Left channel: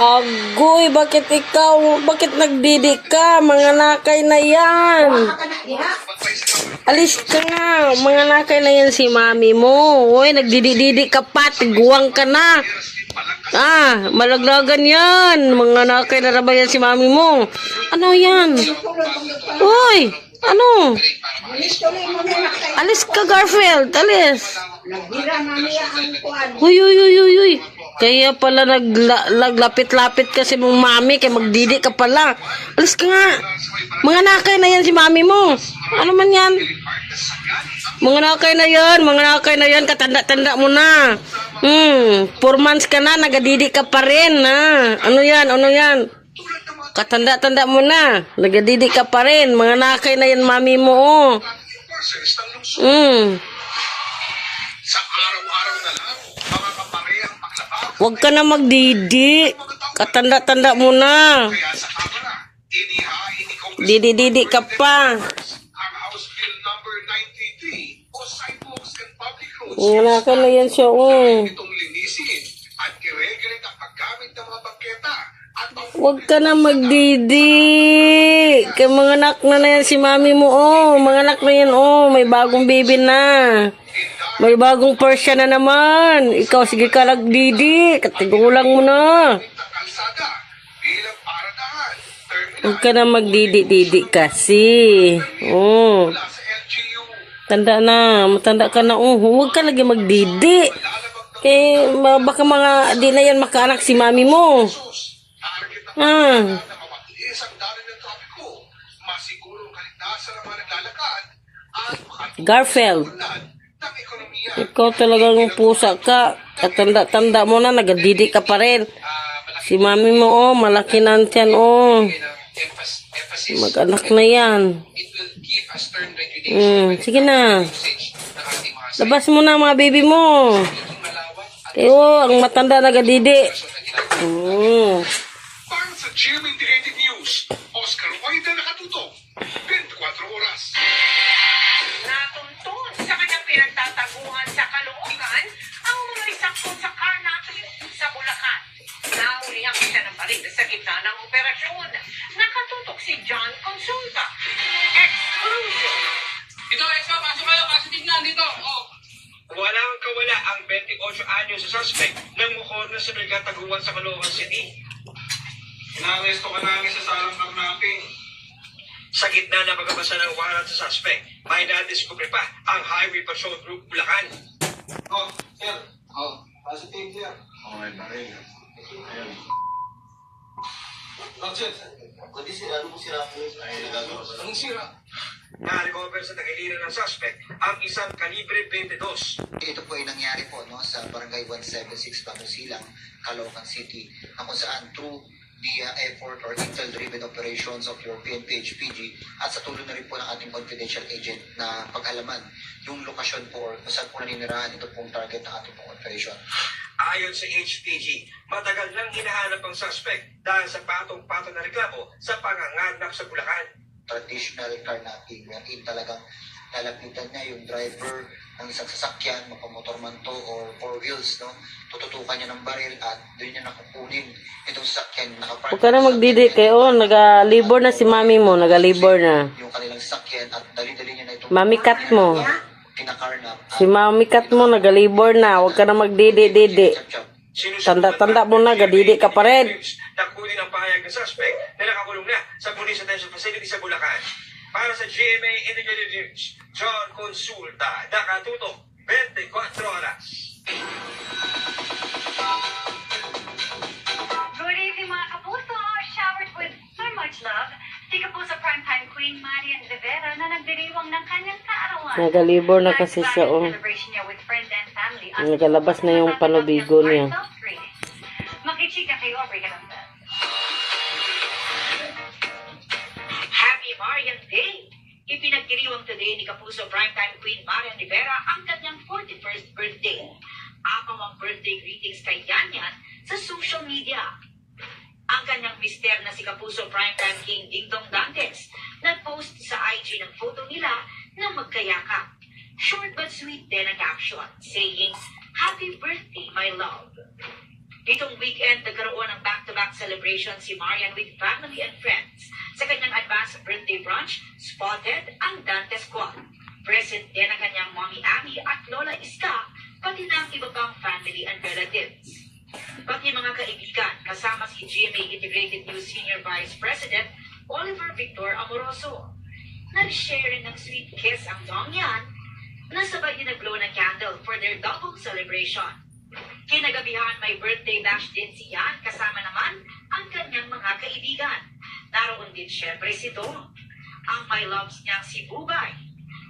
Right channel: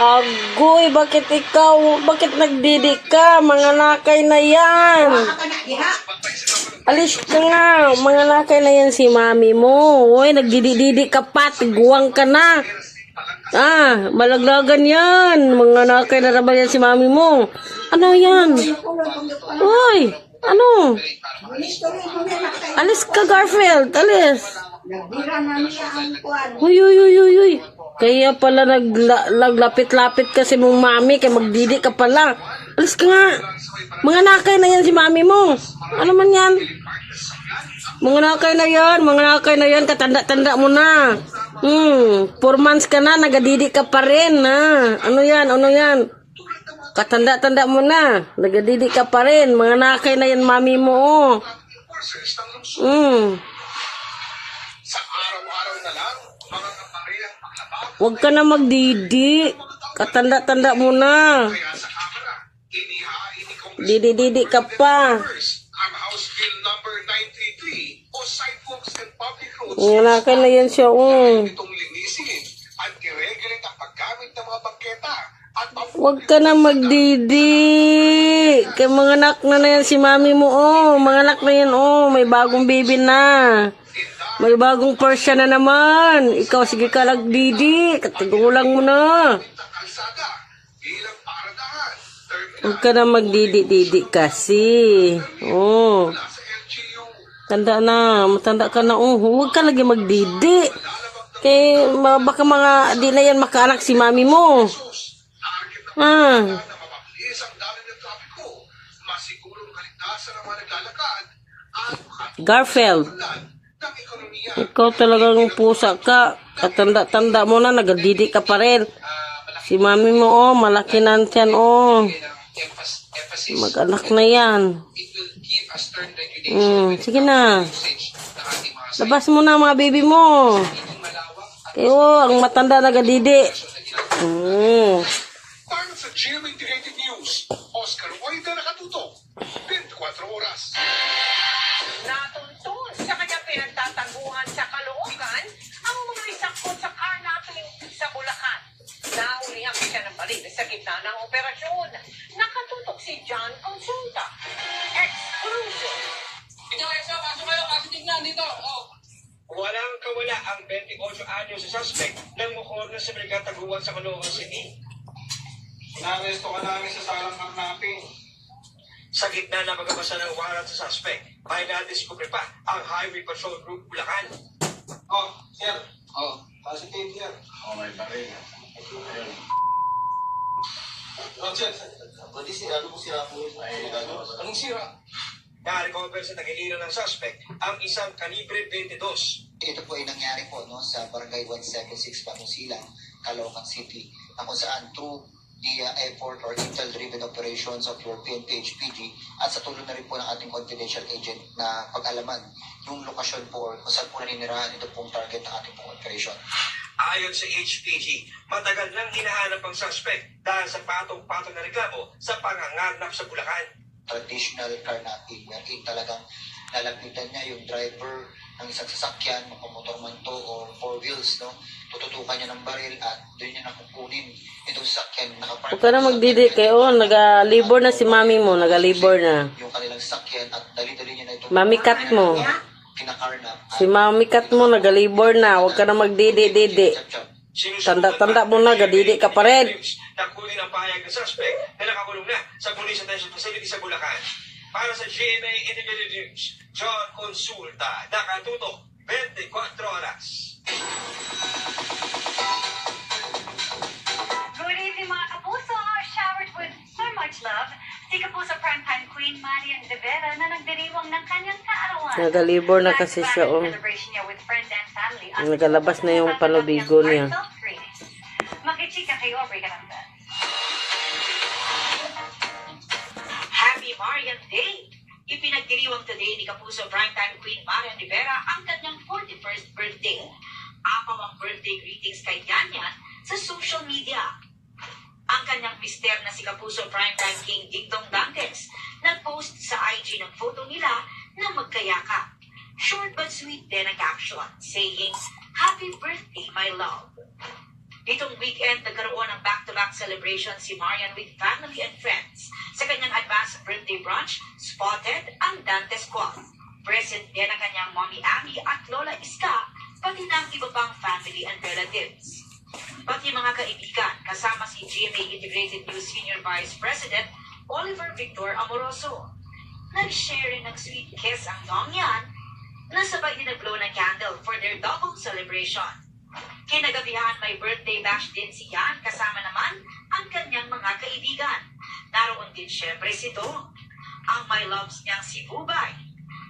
Agoy, bakit ikaw? Bakit nagdidi ka? Mga nakay na yan. Alis ka nga. Mga nakay na yan si mami mo. Uy, nagdidi-didi ka pa. Tiguang ka na. Malaglagan yan. Mga nakay na rabang yan si mami mo. Ano yan? Uy, ano? Alis ka, Garfield. Alis. Uy, uy, uy, uy, uy. Kaya pala naglapit-lapit kasi mong mami, kaya magdidi ka pala. Alis ka nga. Mga nakay na yan si mami mo. Ano man yan? Mga nakay na yan, katanda-tanda mo na. 4 months ka na, nagadidi ka pa rin. Ano yan? Katanda-tanda mo na, nagadidi ka pa rin. Mga nakay na yan mami mo. Huwag ka na magdidi. Katanda-tanda mo na. Didi-didi ka pa. Wala ka na yan siya. Huwag ka na magdidi. Kay mga anak na yan si mami mo. Mga anak na yan. May bagong baby na. May bagong Persian na naman. Ikaw, sige ka nagdidi. Katigulang mo na. Huwag ka na magdidi-didi kasi. Tanda na. Matanda ka na. Huwag ka lagi magdidi. Kaya baka mga di na yan makaanak si mami mo. Garfield. Ikaw talagang pusa ka. Katanda-tanda mo na, nagadidi ka pa rin. Si mami mo, malaki na yan, mag-anak na yan. Sige na. Labas mo na mga baby mo. Kayo, ang matanda nagadidi. Para sa GMA Integrated News, Oscar Oida nakatutok, 24 oras. Natuntun sa kanyang pinagtataguhan sa Caloocan ang mga isakot sa karnapin sa Bulacan. Naulihan siya ng baril sa gitna ng operasyon. Nakatutok si John Consulta. Exclusive. Ito, pasok kayo, kasi tignan dito. Walang kawala ang 28 anyos sa suspect ng mukor na sa Brigataguan sa Caloocan City. Inaresto ka namin sa salang karnaping. Sa gitna ng pagkabasa ng wahalan sa suspect, may nadiskubre pa ang Highway Patrol Group Bulacan. Sir. Positive, sir. May baril. Ayun. Sir. Ano sira po? Anong sira? Na-recover sa tagiliran ng suspect ang isang kalibre 22. Ito po ay nangyari po sa Barangay 176 Pangasilang, Caloocan City, kung saan through the effort or intel-driven operations of your PNP-HPG at sa tulong na rin po ng ating confidential agent na pag-alaman yung lokasyon po or kung saan po naninirahan ito pong target ng ating pong operation. Ayon sa HPG, matagal nang hinahanap ang suspect dahil sa patong-patong na reklamo sa panganganap sa Bulacan. Traditional carnapping wherein talagang lalapitan niya yung driver ng isang sasakyan, makamotor man to or 4 wheels, tututukan niya ng baril at doon niya nakukunin itong sasakyan. Huwag ka na magdidi kayo. Naga-libor na si mami mo. Naga-libor na. Yung kanilang sasakyan at dali-dali niya na itong Mami kat mo. kinakarnap. Si mami kat mo, naga-libor na. Huwag ka na magdidi-didi. Tanda-tanda mo na, gadidi ka pa rin. Nakunin ang pahayag ng suspect na nakakulong na sa Police Detention Facility sa Bulacan. Para sa GMA Integrated News, John Consulta, nakatutok 24 oras. Good evening mga kapuso, showered with so much love. Si Kapuso Primetime Queen Marian Rivera na nagdiriwang ng kanyang kaarawan. Nagalibor na kasi siya. Celebration niya with friends and family. Nagalabas na yung panubigo niya. Makichika kayo, break it up. Happy Marian Day! Ipinagdiriwang today ni Kapuso Primetime Queen Marian Rivera ang kanyang 41st birthday. Apaw ang birthday greetings kay Yanyan sa social media. Ang kanyang mister na si Kapuso Primetime King Dingdong Dantes nag-post sa IG ng photo nila na magkayakap. Short but sweet din ang caption, saying, "Happy birthday, my love." Itong weekend, nagkaroon ng back-to-back comeback celebration si Marian with family and friends. Sa kanyang advanced birthday brunch, spotted ang Dantes Squad. Present din ang kanyang mommy Abby at Lola Iska, pati na ang iba pang family and relatives. Pati mga kaibigan, kasama si GMA Integrated News Senior Vice President Oliver Victor Amoroso. Nag-share rin ng sweet kiss ang Dongyan, na sabay din nag-blow ng candle for their double celebration. Kinagabihan may birthday bash din si Yan, kasama naman ang kanyang mga kaibigan. Naroon din syempre si Dong, ang my loves niyang si Bubay,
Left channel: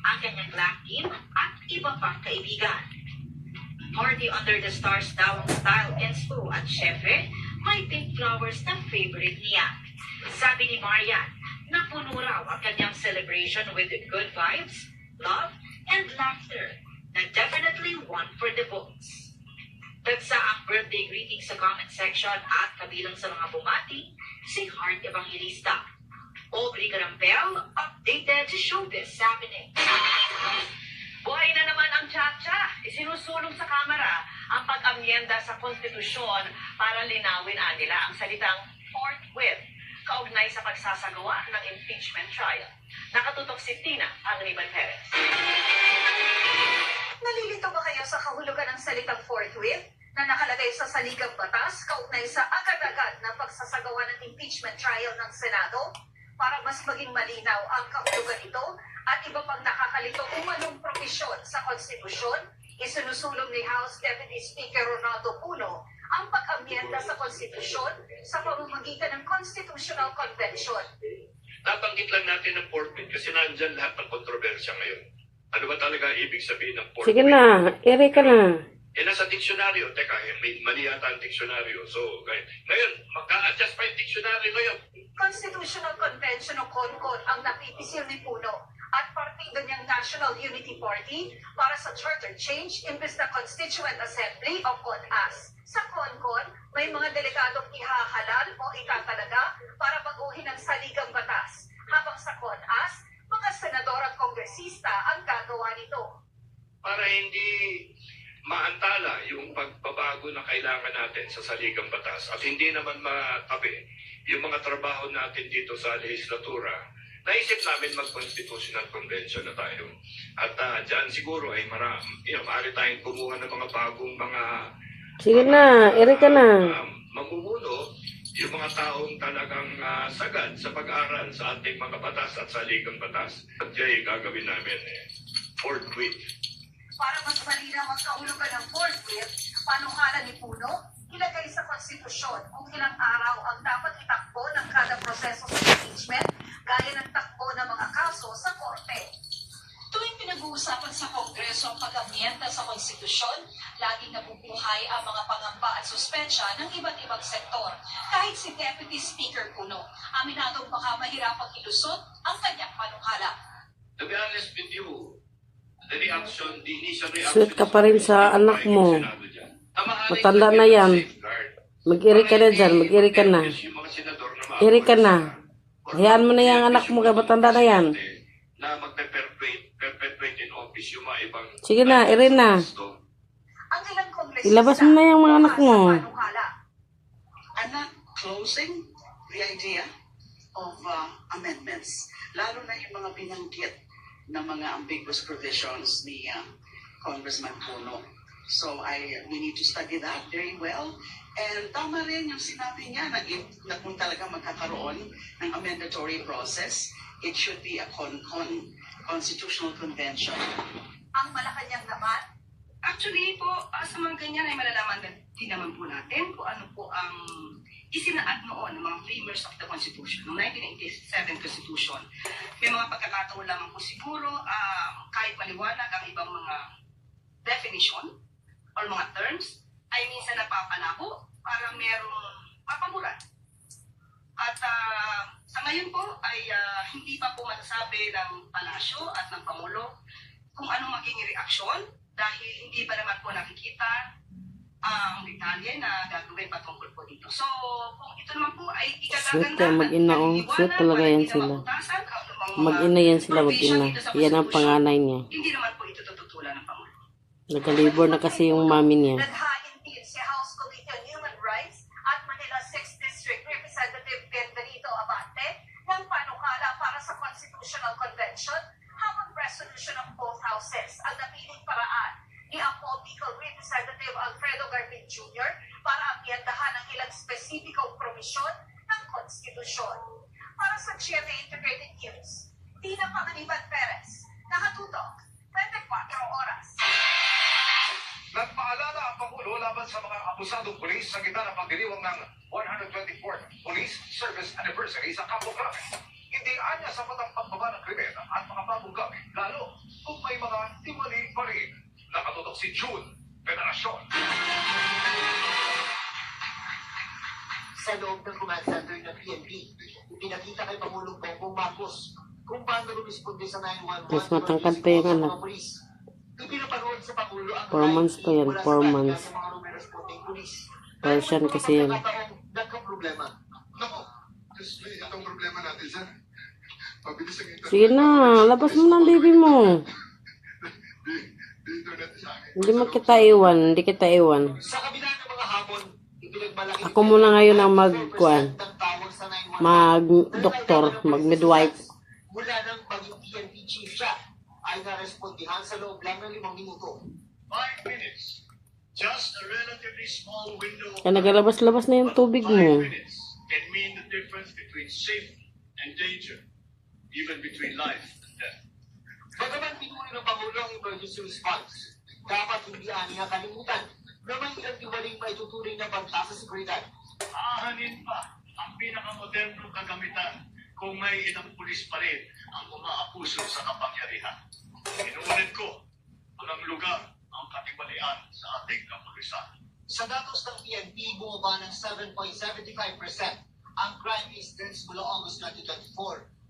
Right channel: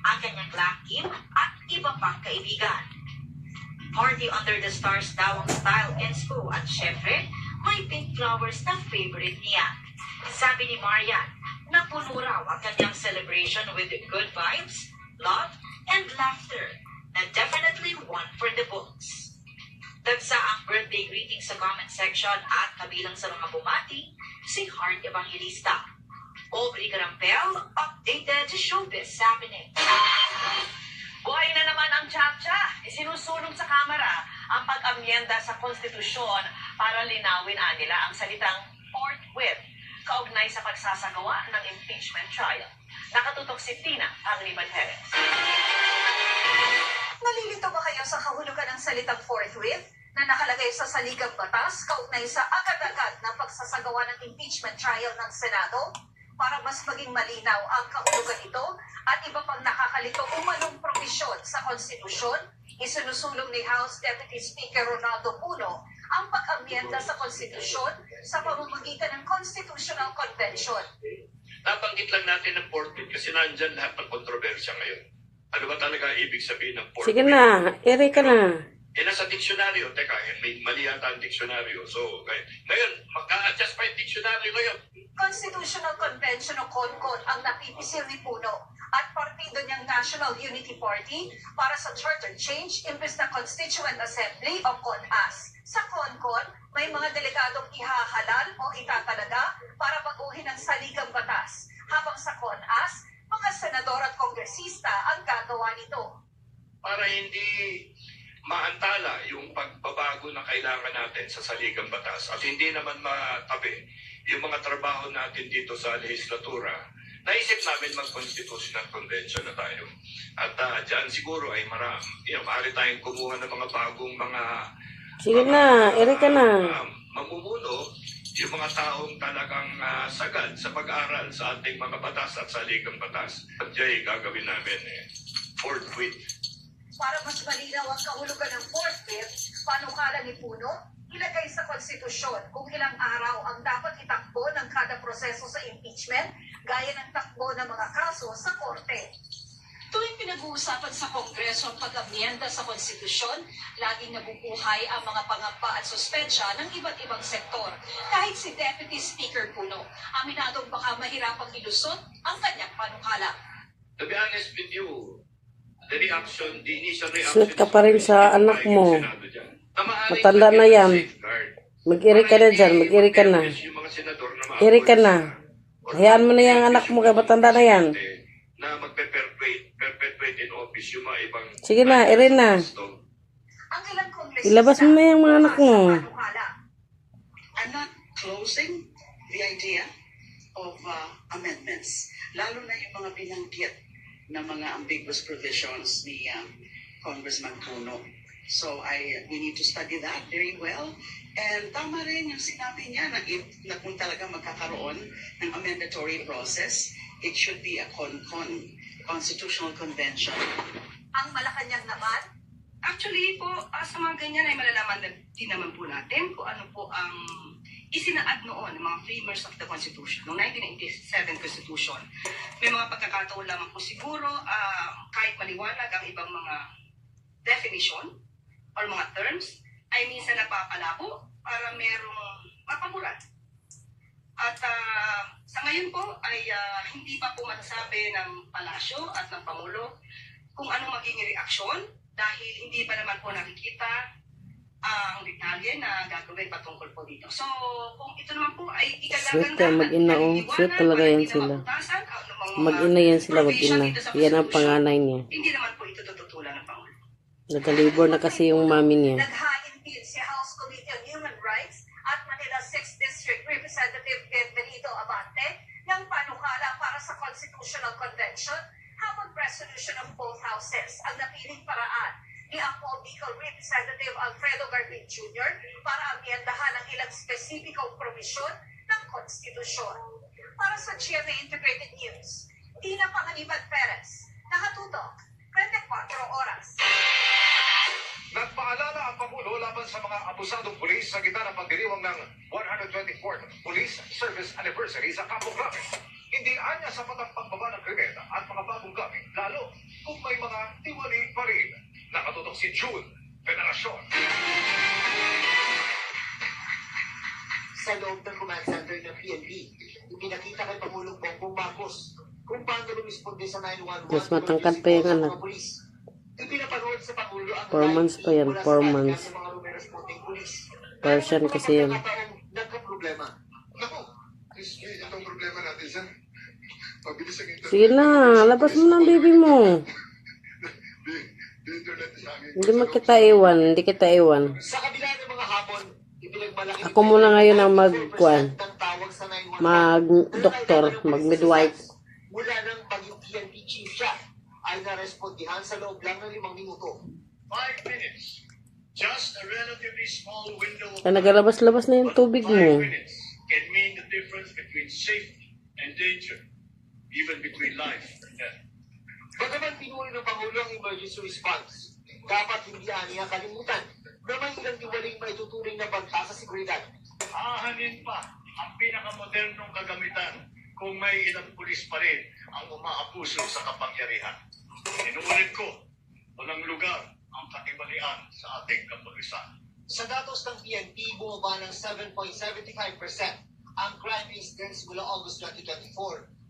ang kanyang black team at iba pang kaibigan. Party under the stars daw ang style inspo at syempre may pink flowers na favorite niya. Sabi ni Marian, napuno raw ang kanyang celebration with good vibes, love, and laughter na definitely one for the books. Tagsa ang birthday greeting sa comment section at kabilang sa mga bumati, si Heart Evangelista. Aubrey Garampel, updated showbiz happening. Buhay na naman ang Chacha. Isinusulong sa Kamara ang pag-amyenda sa konstitusyon para linawin nila ang salitang forthwith kaugnay sa pagsasagawa ng impeachment trial. Nakatutok si Tina Anriban Perez. Nalilito ba kayo sa kahulugan ng salitang forthwith na nakalagay sa saligang batas kaugnay sa agad-agad na pagsasagawa ng impeachment trial ng Senado? Para mas maging malinaw ang kahulugan nito at iba pang nakakalito umanong provisyon sa konstitusyon, isinusulong ni House Deputy Speaker Ronaldo Puno ang pag-amyenda sa konstitusyon sa pamamagitan ng Constitutional Convention. Nabanggit lang natin ng forthwith kasi nandyan lahat ng kontrobersya ngayon. Ano ba talaga ibig sabihin ng forthwith? Sige na, ere ka na. Nasa diksyonaryo, teka, may mali yata ang diksyonaryo. So, ngayon, magka-adjust pa yung diksyonaryo ngayon. Constitutional Convention o CONCON ang napipisil ni Puno at partido niyang National Unity Party para sa charter change imbes na Constituent Assembly o CONAS. Sa CONCON, may mga delegadong ihahalal o itatalaga para baguhin ang saligang batas, habang sa CONAS, mga senador at kongresista ang gagawa nito. Para hindi maantala yung pagbabago na kailangan natin sa saligang batas at hindi naman matabi yung mga trabaho natin dito sa legislatura, naisip namin mag-constitutional convention na tayo. At dyan siguro ay maaari tayong kumuha ng mga bagong mga Sige na, ere ka na. mamumuno, yung mga taong talagang sagad sa pag-aral sa ating mga batas at saligang batas. At dyan gagawin namin forthwith. Para mas malinaw ang kahulugan ng forthwith, panukala ni Puno, ilagay sa konstitusyon kung ilang araw ang dapat itakbo ng kada proseso sa impeachment, gaya ng takbo ng mga kaso sa korte. Tuwing pinag-uusapan sa Kongreso ang pag-amyenda sa konstitusyon, laging nabubuhay ang mga pangamba at suspensya ng iba't ibang sektor. Kahit si Deputy Speaker Puno, aminadong baka mahirapang ilusot ang kanyang panukala. To be honest with you, the initial reaction... Sweet ka pa rin sa anak mo. Matanda na yan. Mag-iri ka na dyan, mag-iri ka na. Iri ka na. Hayaan mo na yung anak mo kay matanda na yan. Na magpe-perpetuate in office yung mga ibang... Sige na, iri na. Ang ilang kongresista, Ilabas mo na yung mga anak mo. panukala. I'm not closing the idea of amendments, lalo na yung mga binanggit na mga ambiguous provisions ni Congressman Puno. So we need to study that very well. And tama rin yung sinabi niya na kung talaga magkakaroon ng amendatory process, it should be a constitutional convention. Ang Malacanang naman, Actually po, sa mga ganyan ay malalaman din naman po natin kung ano po ang isinaad noon ng mga framers of the Constitution, ng 1987 Constitution. May mga pagkakataon lamang po siguro, kahit maliwanag ang ibang mga definition or mga terms, ay minsan napapalabo para merong mapamura. At sa ngayon po ay hindi pa po masasabi ng palasyo at ng Pangulo kung ano magiging reaksyon dahil hindi pa naman po nakikita ang detalye na gagawin patungkol po dito. So, kung ito naman po ay Sweet kaya mag-ina, sweet talaga yan sila. Mag-ina yan sila, mag-ina. Yan ang panganay niya. Hindi naman po ito tututulan ng Pangulo. Nagalibor na kasi yung mami niya. naghain din si House Committee on Human Rights at Manila 6th District provisyon ng konstitusyon. Para sa GMA Integrated News, Tina Pangaliban Perez, nakatutok, 24 oras. Nagpaalala ang Pangulo laban sa mga abusadong pulis sa gitna ng pagdiriwang ng 124th Police Service Anniversary sa Campo Grande. Hindi anya sapat ang pagbaba ng krimen at mga bagong gamit, lalo kung may mga tiwali pa rin. Nakatutok si June Veneracion. Sa loob ng command center ng PNP, ipinakita kay Pangulong Bongbong Marcos kung paano lumisponde sa 911 Mas matangkad pa yung anak. Ipinapanood sa Pangulo ang 4 months pa yan, 4 months. ng mga rumeresponding pulis. Persian kasi yan. Nagka-problema. Naku, Diyos me, itong problema natin sir. Pabilis ang internet. Sige na, labas mo ng baby mo. Di internet sa akin. Hindi mo kita iwan, hindi kita iwan. Sa kabila ng mga hamon, ipinagmalaki Ako muna ngayon ang mag-kuan. ng tawag sa 911 Mag-doktor, mag-midwife. mula ng paging PNP chief siya ay narespondihan sa loob lang ng 5 minuto. 5 minutes. Just a relatively small window of Kaya nagalabas-labas na yung tubig 5 mo. minutes can mean the difference between safety and danger, even between life and death. Bagaman pinuri ng Pangulo ang emergency response, dapat hindi aniya kalimutan na may ilang tiwaling maituturing na banta sa seguridad. Ahanin pa ang pinakamodernong kagamitan kung may ilang pulis pa rin ang umaapuso sa kapangyarihan. Inuulit ko, walang lugar ang katibalian sa ating kapulisan. Sa datos ng PNP, bumaba ng 7.75% ang crime incidents mula August 2024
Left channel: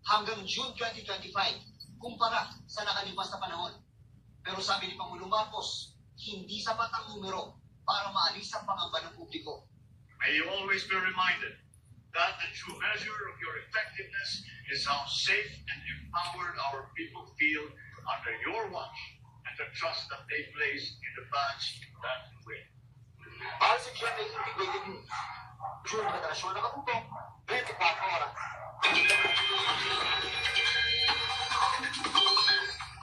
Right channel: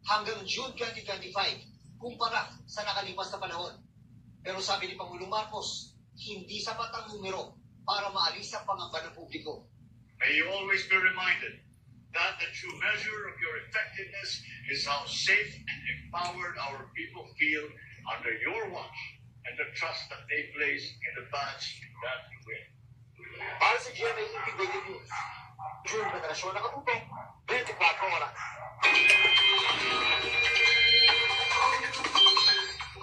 hanggang June 2025 kumpara sa nakalipas na panahon. Pero sabi ni Pangulong Marcos, hindi sapat ang numero para maalis ang pangamba ng publiko. May you always be reminded that the true measure of your effectiveness is how safe and empowered our people feel under your watch and the trust that they place in the badge that you wear. Para sa GMA Integrated News, June Veneracion, nakatutok, 24 oras.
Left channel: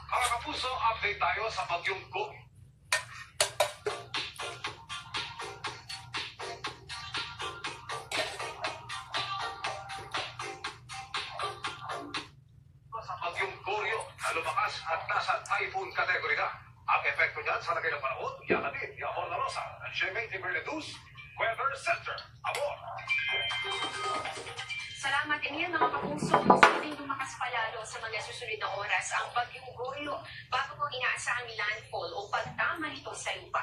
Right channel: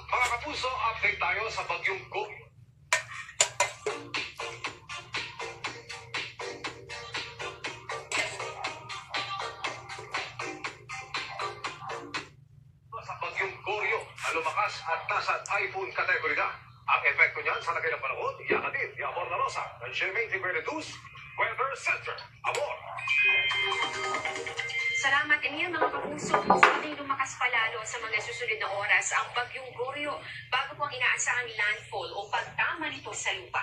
Mga kapuso, update tayo sa bagyong Gobi. Sa bagyong Goryo na lumakas at nasa typhoon category na. Ang epekto niyan sa lagay ng panahon, yakatid ni Amor La Rosa ng GMA Integrated News Weather Center. Amor! Salamat kanina mga kapuso. Posibleng lumakas palalo sa mga susunod na oras ang bagyong Goryo bago po ang inaasahang landfall o pagtama nito sa lupa.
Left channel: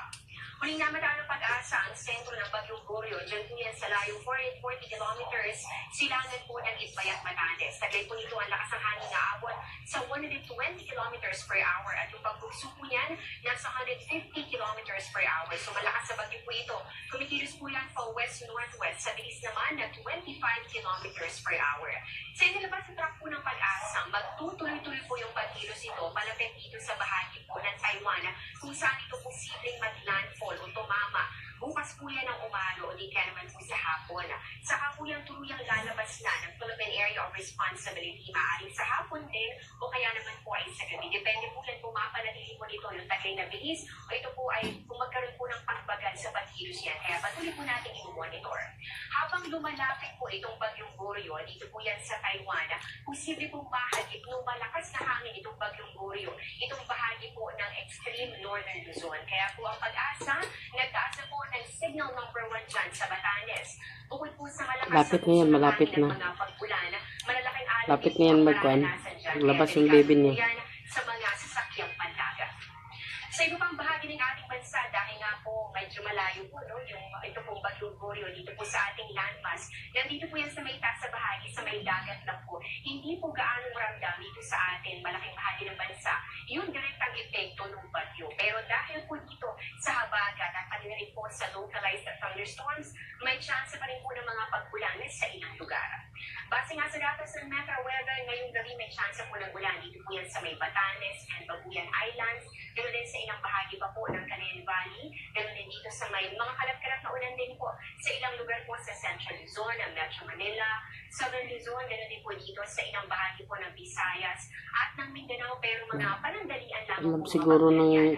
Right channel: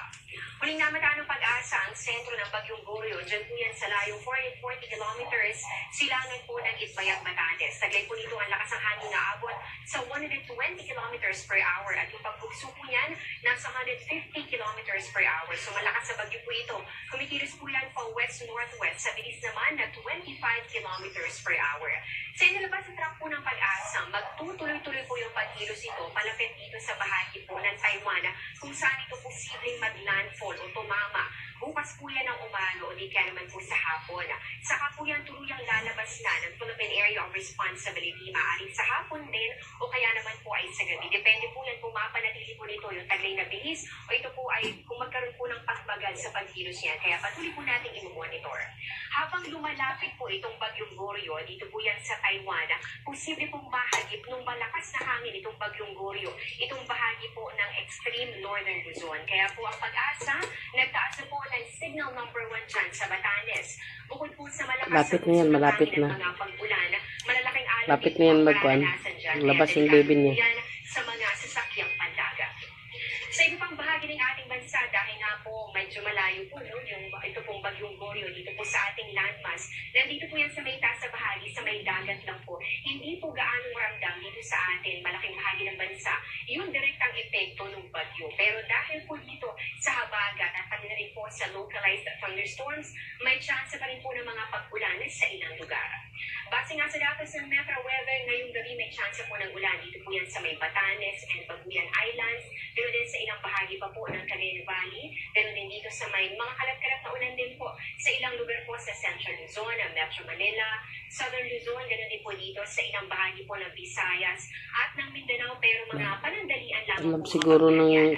Huling namataan ng pag-asa ang sentro ng bagyong Goryo. Diyan po yan sa layong 440 kilometers silangan po ng Itbayat, Batangas. Taglay po nito ang lakas ng hangin na abot sa 120 kilometers per hour at yung pagbugso po niyan nasa 150 kilometers per hour. So malakas sa bagyo po ito. Kumikilos po yan pa west-northwest sa bilis naman na 25 kilometers per hour. Sa inilabas sa track po ng pag-asa, magtutuloy-tuloy po yung pagkilos ito palapit dito sa bahagi po ng Taiwan kung saan ito posibleng mag-landfall o tumama. Bukas po yan ang umano o di kaya naman po sa hapon. Saka po yan tuluyang lalabas na ng Philippine Area of Responsibility. Maaring sa hapon din o kaya naman po ay sa gabi. Depende po yan kung mapanatili po nito yung taglay na bilis o ito po ay kung magkaroon po ng pagbagal sa pagkilos yan. Kaya patuloy po natin i-monitor. Habang lumalapit po itong bagyong Goryo, dito po yan sa Taiwan, posible pong mahagip nung malakas na hangin itong bagyong Goryo, itong bahagi po ng extreme northern Luzon. Kaya po ang pag-asa, nagtaas na po ng signal number 1 dyan sa Batanes. Bukod po sa malakas Lapit na yan, malapit na. mga pagbulan, malalaking alon Lapit din na yan po ang magkuhan. maranasan dyan. Labas Kaya yung baby niya. delikado po yan sa mga sasakyang pandagat. Sa iba pang bahagi ng ating bansa, dahil nga po medyo malayo po, no, ito pong bagyong Goryo dito po sa ating landmass, nandito po yan sa may taas sa bahagi, sa may dagat lang po. Hindi po gaanong ramdam dito sa atin, malaking bahagi ng bansa, yun direct ang epekto ng bagyo. Pero dahil po dito sa habagat at pati na rin po sa localized thunderstorms, may chance pa rin po ng mga pag-ulanan sa ilang lugar. Base nga sa datos ng Metro Weather, ngayong gabi may chance po ng ulan dito po yan sa may Batanes and Babuyan Islands, pero din sa ilang bahagi pa po ng Cagayan Valley, pero din dito sa may mga kalat-kalat na ulan din po sa ilang lugar po sa Central Luzon, Metro Manila, Southern Luzon, ganoon din po dito sa ilang bahagi po ng Visayas at ng Mindanao, pero mga panandalian lang Alam po siguro ng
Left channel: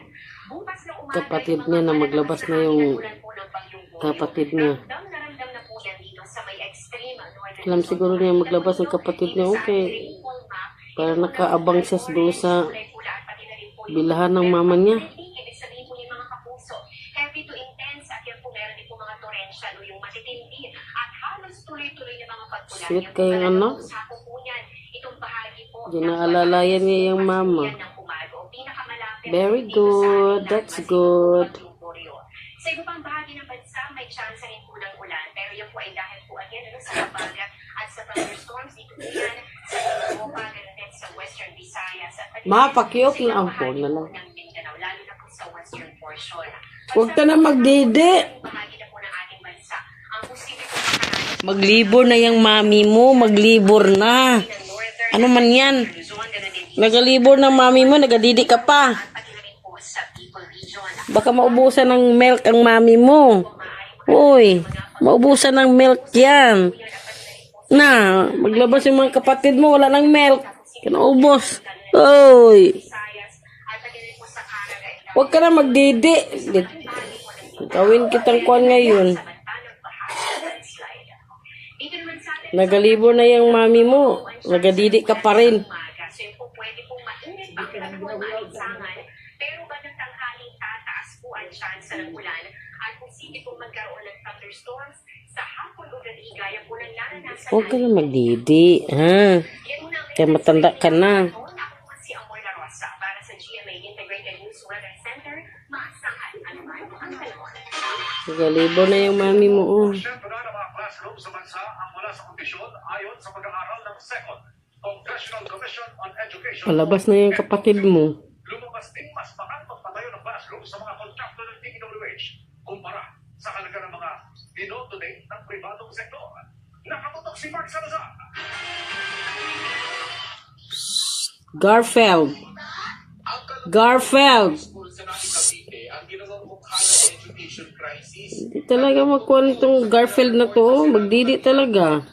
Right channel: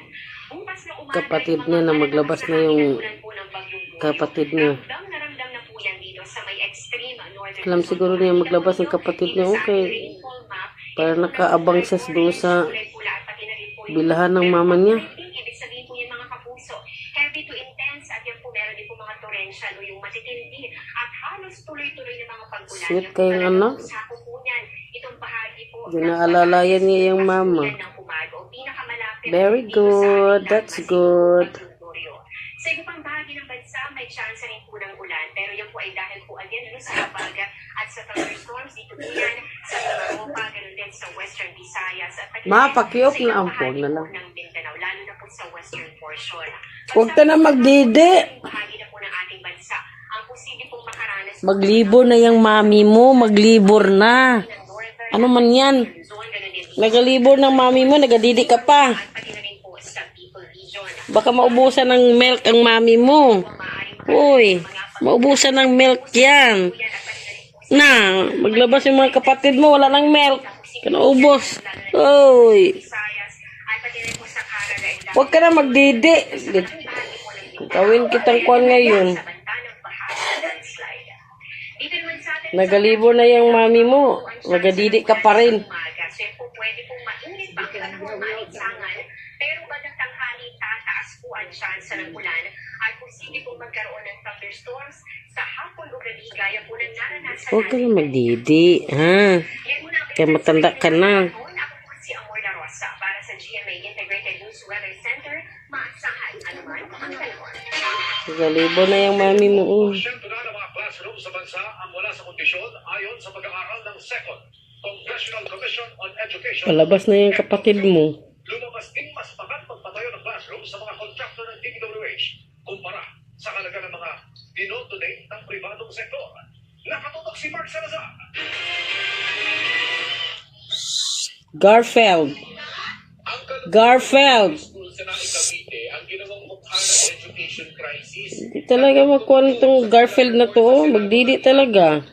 bukas na umaga, kapatid yung niya mga na maglabas na yung ulan po ng bagyong Goryo. kapatid niya. Ramdam na po yan dito sa may extreme northern Alam Luzon. siguro niya maglabas ng kapatid niya, okay. Para nakaabang siya doon sa bilahan ng mama niya. Ibig sabihin po yung mga kapuso, heavy to intense at yan po meron din po mga torrential o yung matitindi at halos tuloy-tuloy na mga pag-ulan. Sweet Yan po kayong talagang anak. sako po niyan. Itong bahagi po. Ginaalalayan niya yung mama. Pinakamalapit Very dito sa good. ating That's Bagyong good. Goryo. Sa iba pang bahagi ng bansa, may chance rin po ng ulan. Pero yan po ay dahil po again sa baga at sa thunderstorms dito po yan sa Europa, ganun din sa Western Visayas at pati Mapakiyok sa ibang na ang bahagi phone na po lang. ng Mindanao, lalo na po sa western portion. Huwag ka na magdidi. Bahagi na po ng ating bansa. Ang posible po makaranas Maglibor na yung mami mo. Maglibor na. Ano man yan? Luzon, ganun din Nagalibor ng mami mo. Nagadidi ka pa. pati na rin po sa Bicol Region. Baka maubusan ng milk ang mami mo. Uy, maubusan ng milk yan. Na, maglabas yung mga kapatid mo. Wala ng milk. Kinaubos. Uy. Visayas ay pati rin po sa Canada and Huwag ka na magdidi. Gawin kitang kuwan ngayon. Nagalibor na yung mami mo. Nagadidi ka pa rin. So yun po pwede pong mainit pa ang panahon, maalinsangan, pero bagang tanghali tataas po ang chance ng ulan at posible pong magkaroon ng thunderstorms sa hapon o gabi gaya po ng naranasan Huwag ka na magdidi. Ha? Yan muna ang Kaya matanda ka na. Ako po si Amor La Rosa para sa GMA Integrated News Weather Center. Maasahan anuman ang kalawang. Nagalibor na yung mami mo. Siyempre na ng mga classroom sa bansa ang wala sa kondisyon ayon sa pag-aaral ng Second Congressional Commission on Education. Palabas na yung kapatid mo. Lumabas din mas magandang magpatayo ng classroom sa mga contractor ng DPWH kumpara sa halaga ng mga dinotonate ng pribadong sektor. Nakatutok si Mark Salazar. Garfield. Garfield. Hindi talaga makuha nitong Garfield na to. Magdidi talaga.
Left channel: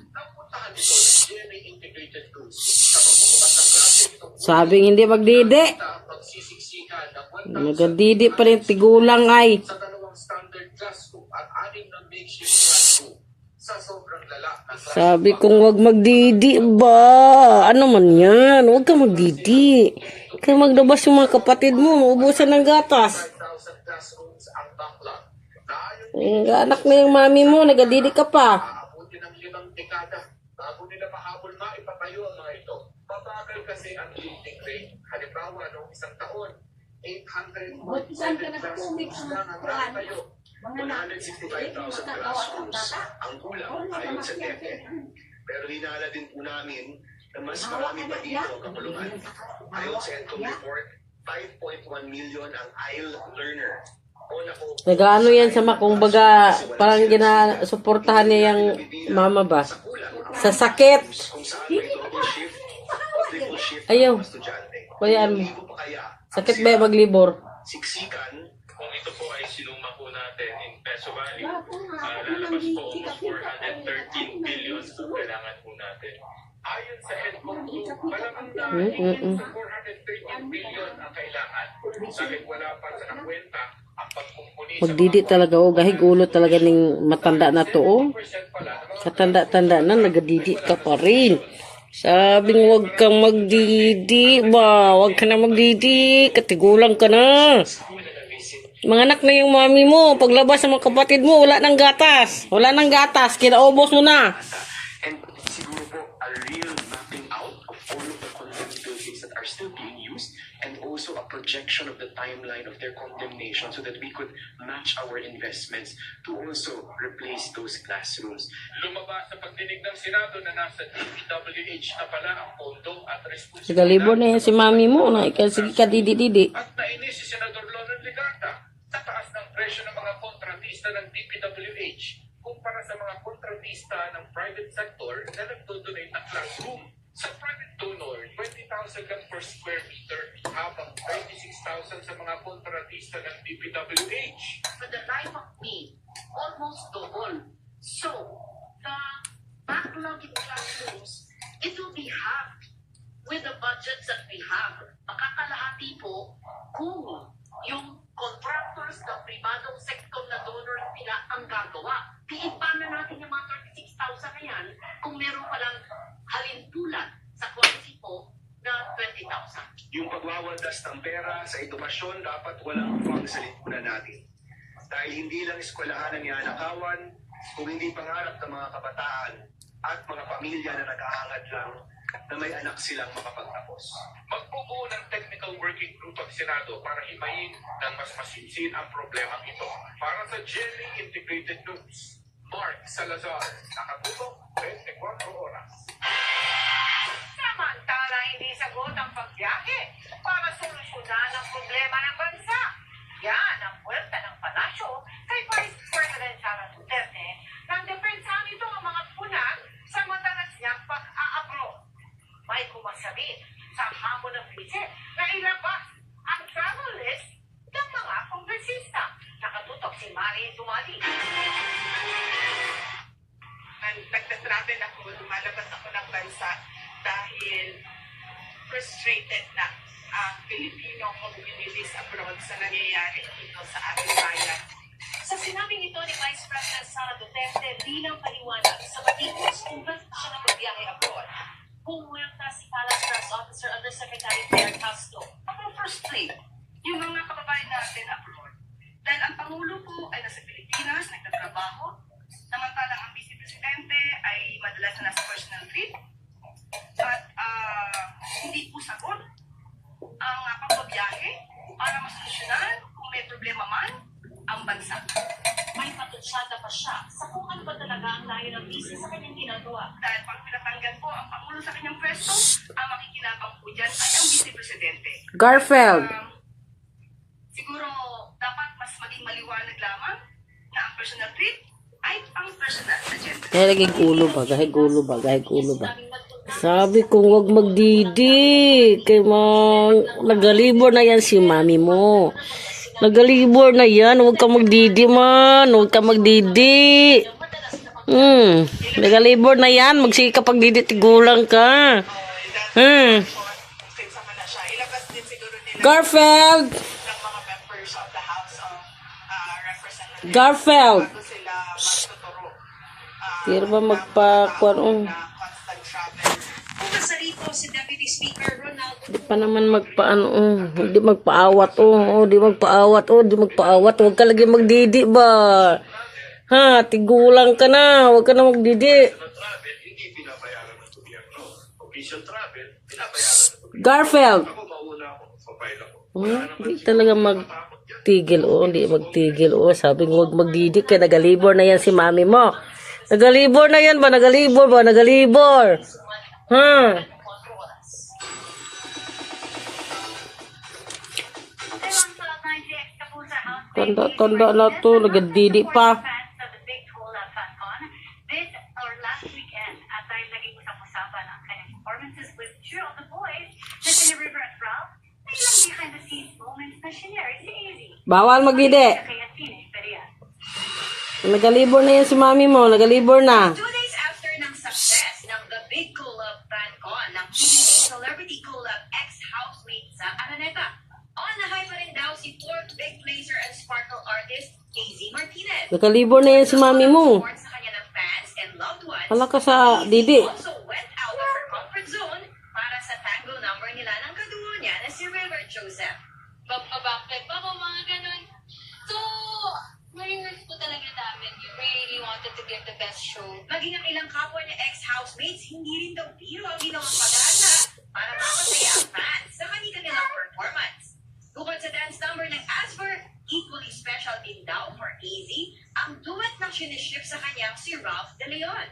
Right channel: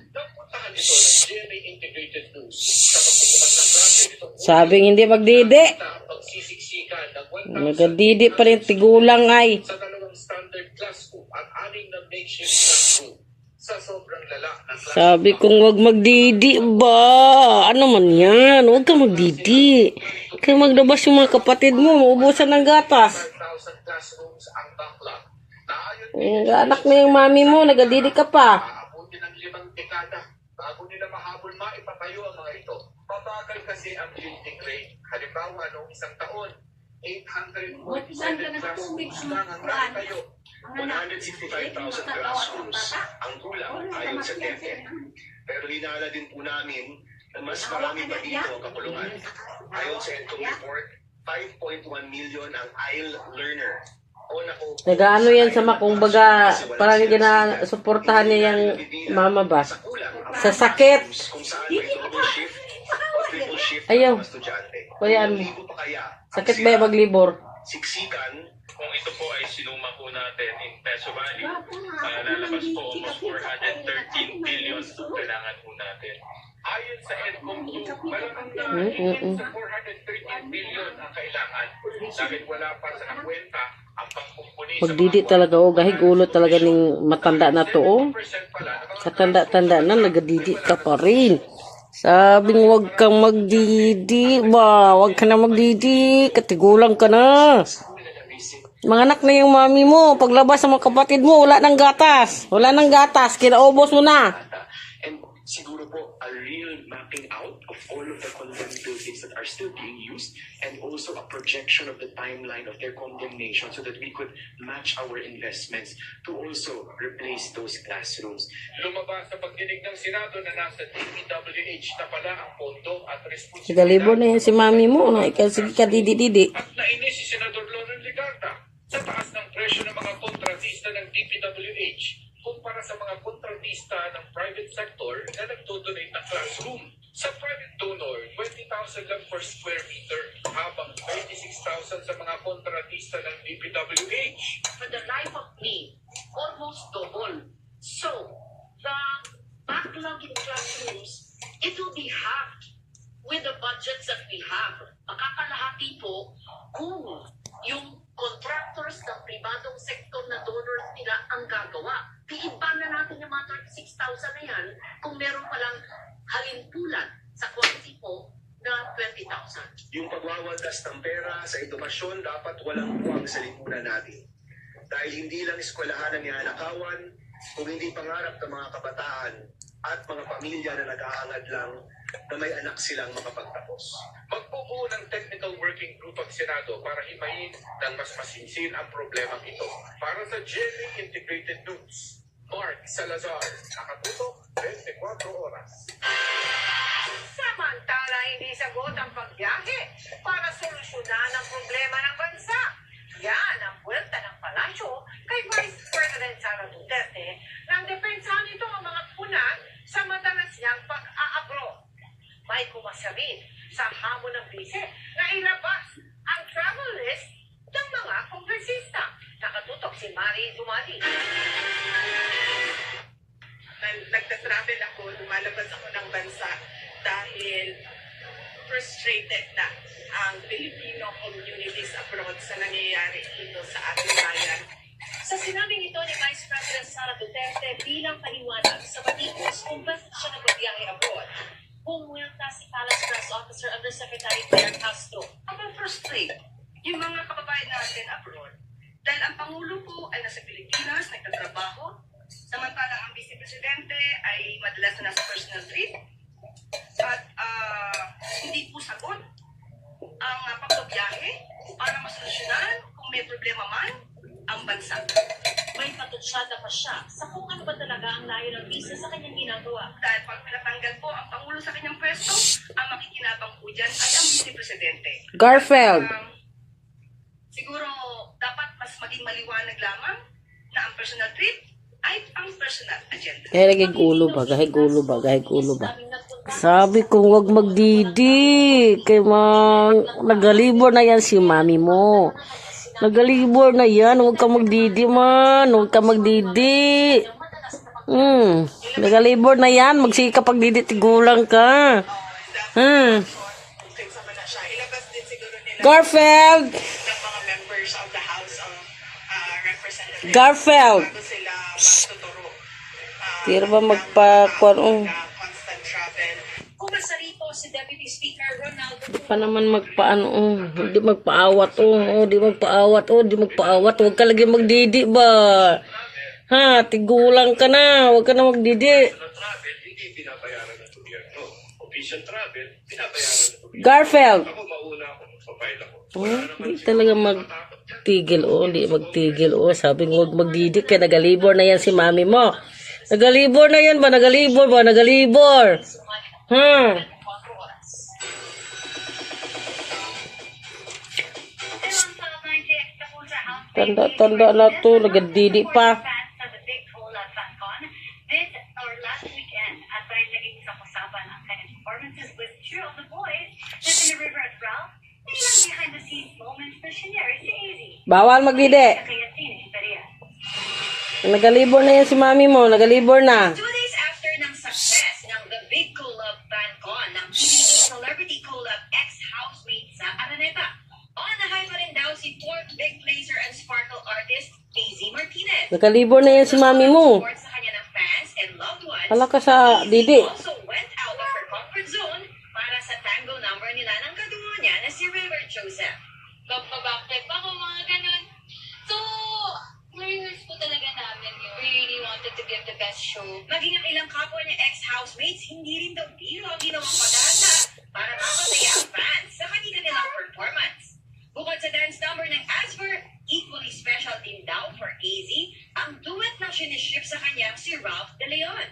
Sabing hindi magdidi. Nagadidi pa rin tigulang ay. Sa dalawang standard classroom at 6 na makeshift classroom sa sobrang lala ng Sabi kong wag magdidi ba? Ano man yan? Huwag ka magdidi. Kaya maglabas yung mga kapatid mo. Maubusan ng gatas. 5,000 classrooms ang backlog. Anak na yung mami mo. Nagadidi ka pa. Aabuti ng 5 dekada bago nila mahabol maipatayo ang mga ito. Mabagal kasi ang building rate. Halimbawa, noong isang taon, 847 classrooms lang ang nakatayo. 165,000 classrooms ang kulang ayon sa DepEd. Pero hinala din po namin na mas marami pa dito ang kakulungan. Ayon sa EDCOM report, 5.1 million ang IEL learner. Nagaano yan sa makong baga, parang ginasuportahan niya yung mama ba? Sa sakit. Kung saan may double shift o triple shift Ayaw. ang mga estudyante. Bayaan mo. Libo pa kaya ang Sakit ba yung maglibor? siksikan Kung ito po ay sinuma po natin in peso value, lalabas po almost 413 billion ang kailangan po natin. Ayon sa EDCOM 2, malamang na sa 413 billion ang kailangan. Dahil wala pa sa nakwenta ang pagkumpuni sa Magdidi talaga o. Gahig ulo talaga ng matanda na to o. Katanda-tanda na, nagadidi ka pa rin. Sabing wag kang magdidi ba? Wag ka na magdidi. Katigulang ka na. Mga anak na yung mami mo. Paglabas sa mga kapatid mo, wala nang gatas. Wala nang gatas. Kinaubos mo na. And siguro po, a real mapping out of all of the condemned buildings that are still being used and also a projection of the timeline of their condemnation so that we could match our investments to also replace those classrooms. Lumabas sa pagdinig ng Senado na nasa DPWH na pala ang pondo at responsibilidad. Nagalibor na yan si mami mo. Sige ka didi-didi. At nainis si Senador Loren Legarda sa taas ng presyo ng mga kontratista ng DPWH kumpara sa mga kontratista ng private sector na nagdodonate ng classroom. Sa private donor, 20,000 lang per square meter, habang 36,000 sa mga kontratista ng DPWH. For the life of me, almost double. So, the backlog in classrooms, it will be halved with the budgets that we have. Makakalahati po kung yung contractors ng pribadong sektor na donors nila ang gagawa. Diiba na natin yung mga 36,000 kung meron palang halimpulan sa quality po na 20,000. Yung pagwawaldas ng pera sa edukasyon dapat walang puwang sa lipunan natin. Dahil hindi lang eskwelahan ang ianakawan, kung hindi pangarap ng mga kabataan at mga pamilya na nag-aangad lang na may anak silang makapagtapos. Magbubuo ng technical working group ang Senado para himayin ng mas masinsin ang problemang ito. Para sa GMA Integrated News, Mark Salazar, nakatutok 24 oras. Samantala, hindi sagot ang pagbiyahe para solusyonan ang problema ng bansa. Yan ang buwelta ng palasyo kay Vice President Sara Duterte nang depensahan ito ang mga puna sa madalas niyang pag-aabro. May kumasabi sa hamon ng bise na ilabas ang travel list ng mga kongresista. Nakatutok si Mari Dumati. Nagtatravel ako, lumalabas ako ng bansa dahil frustrated na ang Filipino communities abroad sa nangyayari dito sa ating bayan. Sa sinabing ito ni Vice President Sara Duterte bilang paliwanag sa batikos kung bakit siya nagbibiyahe abroad, pumuwelta si Palace Press Officer Undersecretary Claire Castro. Frustrate yung mga kababayan natin abroad dahil ang Pangulo po ay nasa Pilipinas, nagtatrabaho, samantalang ang Vice Presidente ay madalas na nasa personal trip at hindi po sagot ang pagbabiyahe para masolusyonan kung may problema man ang bansa. May patutsada pa siya sa kung ano ba talaga ang layo ng visa sa kanyang ginagawa. Dahil pag pinatanggal po ang Pangulo sa kanyang pwesto, ang makikinabang po dyan ay ang Vice Presidente. Garfield. Siguro dapat mas maging maliwanag lamang na ang personal trip ay ang personal agenda. Kahit gulo ba. Sabi ko, wag magdidi. Kay nagalibor na yan si mami mo. Nagalibor na yan. Huwag ka magdidi man. Huwag ka magdidi. Nagalibor na yan. Magsika pagdidi, tigulang ka. Garfield. Garfield. Tira ba magpakuan? Bukas sa rito si Deputy Speaker Ronaldo. Di pa naman magpaano, hindi magpaawat, di magpaawat, huwag ka lagi magdidi ba? Ha, tigulang ka na, huwag ka na magdidi. Travel, hindi binabayaran ng gobyerno. Official travel, binabayaran ng gobyerno. Garfield. Ako mauna ako, magpapail ako. Hindi talaga magtigil, sabi ko huwag magdidi, kaya nagalibor na yan si mami mo. Nagalibor na yan ba? Nagalibor. Tanda na to, nagadidi pa. This or last weekend, at dahil naging usap-usapan ang kanyang performances with True of the Boys, na in River at Ralph, ilang behind-the-scenes moments na sinare si AZ. Bawal magdidi. Kaya sinistarya. Nagalibor na yan si mami mo, nagalibor na. 2 days after ng success ng The Big Collab FanCon ng PBB Celebrity Collab ex-housemate sa Araneta, on the high pa rin daw si fourth big placer and sparkle artist AZ Martinez. Nagalibor na yan si mami mo. Support sa kanya ng fans and loved ones. Hala ka sa didi. Also went out of her comfort zone para sa tango number nila ng kadungo niya na si River Joseph. Backtrip ako, mga ganun. So, na-rehearse po talaga namin yun. We really wanted to give the best show. Maging ang ilang kapwa niya ex-housemates, hindi rin daw biro ang ginawang pagdanda para mapasaya ang fans sa kanilang performance. Bukod sa dance number ng Asper, equally special din daw for AZ ang duet na siniship sa kanyang si Ralph De Leon.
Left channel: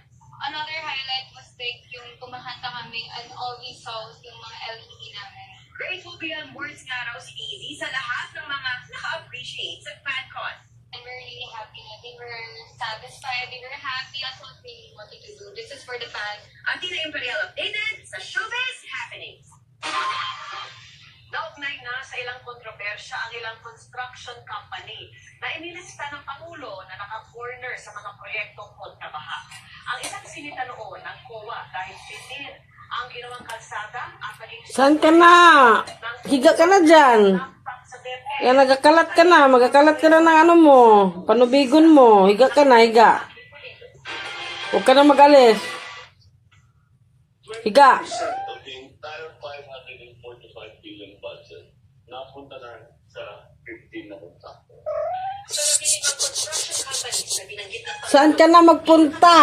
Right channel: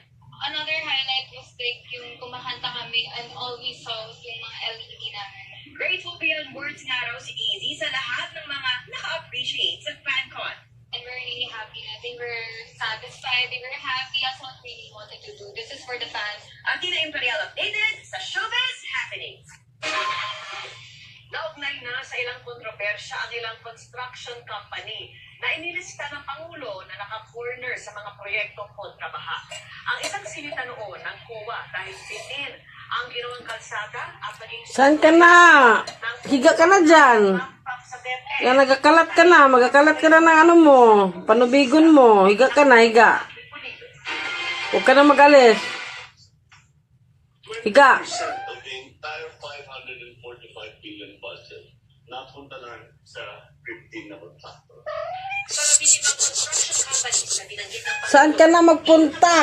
Another highlight was like yung kumakanta kami and all we saw was yung mga LED namin. Grateful beyond words nga raw si AZ sa lahat ng mga naka-appreciate sa FanCon. And we're really happy na they were satisfied, they were happy. That's what we really wanted to do. This is for the fans. Ang Tina Imperial updated sa Showbiz Happenings. Naugnay na sa ilang kontrobersya ang ilang construction company na inilista ng Pangulo na naka-corner sa mga proyektong kontrabaha. Ang isang sinita noon ng COA dahil pitin ang ginawang kalsada at naging... Saan ka na? Higa ka na dyan. Yan, magkakalat ka na ng ano mo, panubigon mo. Higa ka na, higa. Huwag ka na mag-alis. Higa. of the entire 545 billion budget napunta lang sa 15 na contractor. Sa labing limang construction companies na binanggit ng Saan ka na magpunta?